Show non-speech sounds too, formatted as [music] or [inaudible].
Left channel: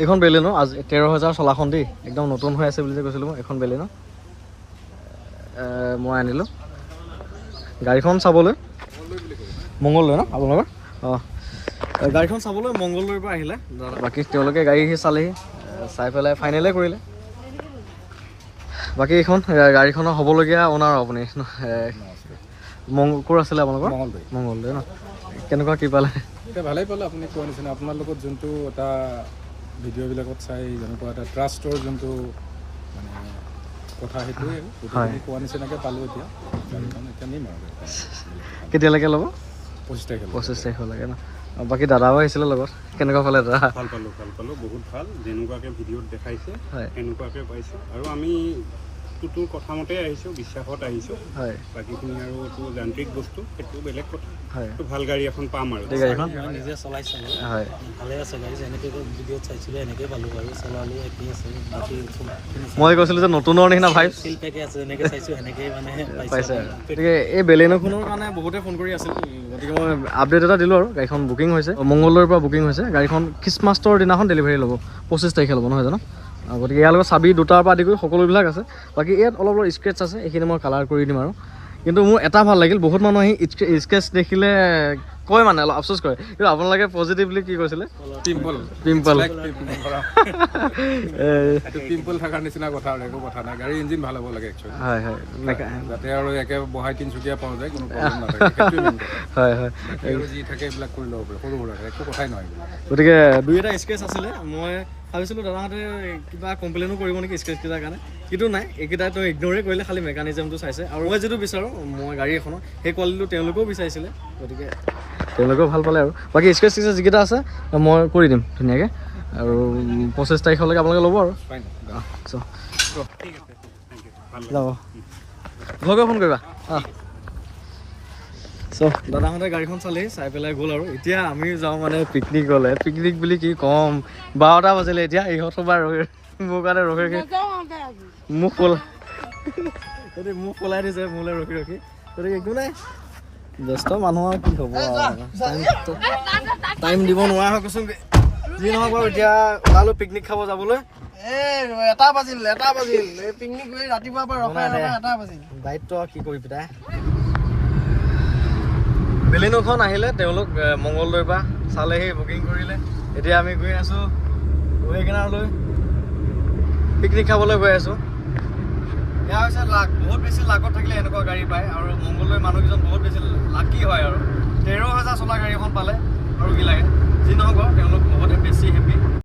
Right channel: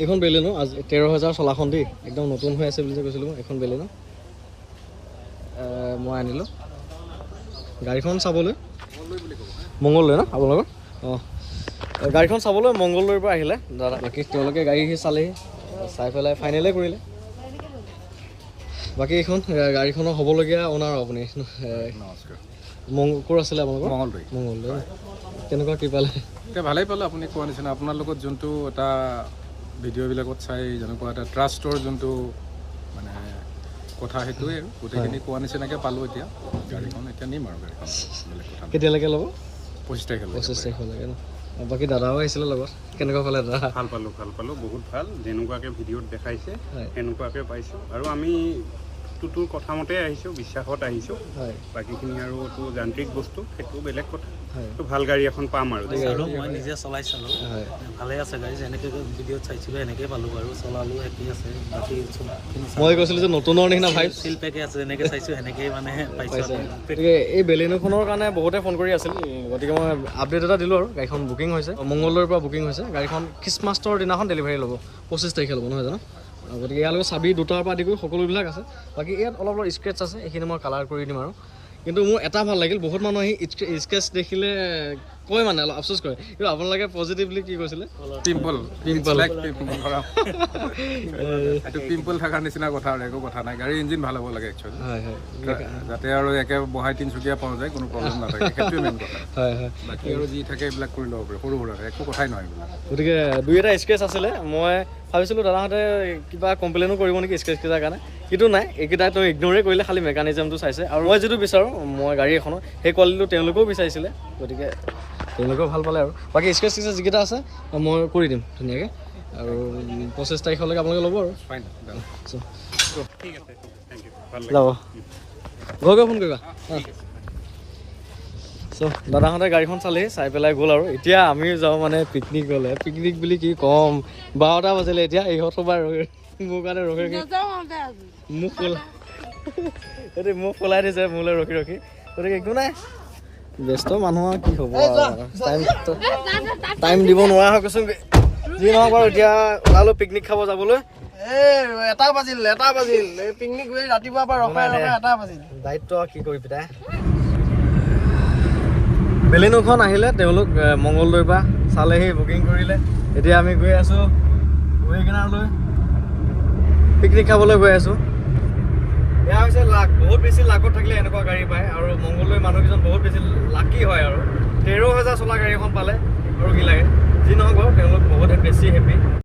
এইখন বেলেনো আজি তেৰ হাজাৰ চলাখন দেই। একদম নতুন হৈ আছে বুলি যে কৈছিলোঁ মই এইখন বেলেনো এ, মই আনিলোঁ। গাড়ীখন চাবলৈ মংগলদৈ ন আপোনালোকৰ? অঁ। গাড়ীখন চাবলৈ মংগলদৈৰ পৰা আহিলে। দাদা বাকী তেওঁলোকে গাড়ী চালেহি। চাই পেলাই ফাইনেলে কৰিলে। বাকী এইখন গাড়ীখনৰ হ'বলগীয়া অনাৰ আপুনি। ক'ৰ আছিলে আপোনালোকৰ? মংগলদৈ মংগলদৈ ন? কেনেকুৱা কি পালে? এতিয়া ভালেই পালোঁ আপুনি কোৱা নিচিনা। আপোনাৰ লগত যোনটো এটা ভিডিঅ'বিলাকত চাই যেনেকুৱা এটা ট্ৰাষ্টৰ যোনটো মানে কথা সেইটোৱে। গোটেইখিনি কোৱা নিচিনাকৈ পালোঁ এতিয়া। গাড়ীখন এতিয়া নিম আৰু কেতিয়ালৈকে ল'ব? পঁচিছ তাৰিখে পঁচিছ তাৰিখলৈকে ন? আৰু বাকী দাদাও আহিছিলে লগত। কেনেকুৱা পালে দাদা? ভাল পালোঁ ভাল পালোঁ। বহুত ভাল। যেনেকুৱাকৈ ভিডিঅ'ত দেখাইছে হয়। সেনেকুৱাকৈ পাইছোঁ। আৰু আমি তোৰ কথামতে আহিছোঁ বিশ্বাসত আহিছোঁ। হয়। বাকীখিনি আৰু তোৰ যান্ত্ৰিক বস্তু সেইটো বেলেগ কথা। হয়। তো ভালো গাড়ী এখন পাম আৰু। মই নিজে চলাইছিলোঁ হয়। ভালে আছে গাড়ী যেনেকৈ ভিডিঅ'ত চাইছিলোঁ এনেকৈ পালোঁ বাৰু। চলালোঁ একেই আছে মই কৈছিলোঁ যে নতুনৰ নিচিনা ভাইব চিল পেকে আছে যেনেকৈ চাইছোঁ সেনেকেই মানে [laughs] পাইছে। গতিকে এই বেলেনোখনৰ কাৰণে বহুতে ফোন কৰি আছিল। গতিকে মই আপডেট এটা দিলোঁ আৰু। গাড়ীখন বুকিং হৈছে। মংগলদৈৰ পৰা বুকিং হৈছে। গাড়ীখন খ্ৰীষ্টমাছৰ দিনাখন ডেলিভাৰী ল'ব। পঁচিছ তাৰিখে ল'ব নহয় জানো? গতিকে ইয়াৰ লগত চাবি দুটাৰ পৰা আদি কৰি সকলোবিলাক আছে। বাকী ইয়াত অলপ অলপ স্ক্ৰেচ আছে এইখিনি মই কালাৰ কৰি দিম আৰু। কিন্তু মোৰ এটা ভালো লাগিল বহুত মানুহ আহি স্কেচ দেখিলে কয় মানে অলপ আফচোচ কৰে। কিন্তু আপোনালোকে পজিটিভলি কি কৈছিলে? পিম্পল পিম্পল থকাৰ নিচিনা কথা আৰু একো কথা নাই। গাড়ীৰ ইঞ্জিন ভালো হ'ব লাগে হয় হয়। যাতে আৰু একে বহাই তিনিচুকীয়া পোৱা যায় কোনো। [laughs] হয় হয়। যি থাকে এইবিলাক কৰি ল'ব পাৰে। সৰু সুৰা একো কথাই নহয় গতিকে দুই এটা স্কেচ আছিলে। মই ভাবিছিলোঁ দাদাহঁতে কিবা কমপ্লেইনো কৰিব নেকি স্কেচকেইটাৰ কাৰণে? কিন্তু নাই এইকেইটাতো ইগন'ৰে কৰিলে খালি মেকানিজমটো চাইছে। আৰু মই যিটো বিচাৰোঁ মই গাড়ী এখনৰ সেই কোৱালিটিটো তেওঁলোকেও বিচাৰিছিলে। গতিকে তেওঁলোকেও ভাল পালে আৰু। বাকী স্কেচ স্কেচ যিকেইটা আছে মই কৰি দিম ধুনীয়াকৈ। আৰু পঁচিছ তাৰিখলৈকে আপোনালোকে ল'ব আৰু। Fine. অঁ চ' ঠিক আছে। থেংক ইউ ভাল যাব। ঘৰ গৈ ফোন কৰিবা। অঁ চ' দাদাহঁতে গাড়ীখন চালেহি চাই পেলাই গ'ল আৰু। এতিয়া আমিও যাওঁ মানে পিকনিক গ'লে। পিকনিক বুলি কি ক'ম? বাৰটা বাজিলে এতিয়া ইহঁতৰ পৰা ৰখি মোৰ কাৰণে ৰখি ৰখি মোক পলাই এতিয়া মোক পলাই দিছে মোলৈ ৰখি ৰখি। গতিকে একো নাই। ব্যস্ত মানুহ আৰু কি হ'ব টাইম টাইম দিব নোৱাৰা হৈ গৈছোঁ যি নহওক বাৰু এতিয়া ওলালোঁ পিকনিক খাব যাবলৈ। এটা বাজিল এটা বাজিল। এই পিকনিক গৈ ৰাতিপুৱাৰ পৰা ৰখাই ৰখাই এটা বাজিল। দায়িত্ব কি কৰি পিতাই বেলিনুখন আহিলে তেওঁলোক মংগলদৈৰ পৰা চালেহি বুকিং কৰিলে। এতিয়া আমি গৈ আছোঁ ৱেগনাৰলৈ পিকনিক খাবলৈ গৈ আছোঁ। এয়া হৈছে লাক বহুত বেছি লাকত থাকিলে এনেকুৱা গাড়ী পায় আৰু মংগলদৈ মানুহকেইজন বহুত বেছি লাকি হয় আৰু। তেৰ হাজাৰ চলা গাড়ী এখন পালে আৰু কি লাগে। যি নহওক তেওঁলোক বহুতে বেছি হেপী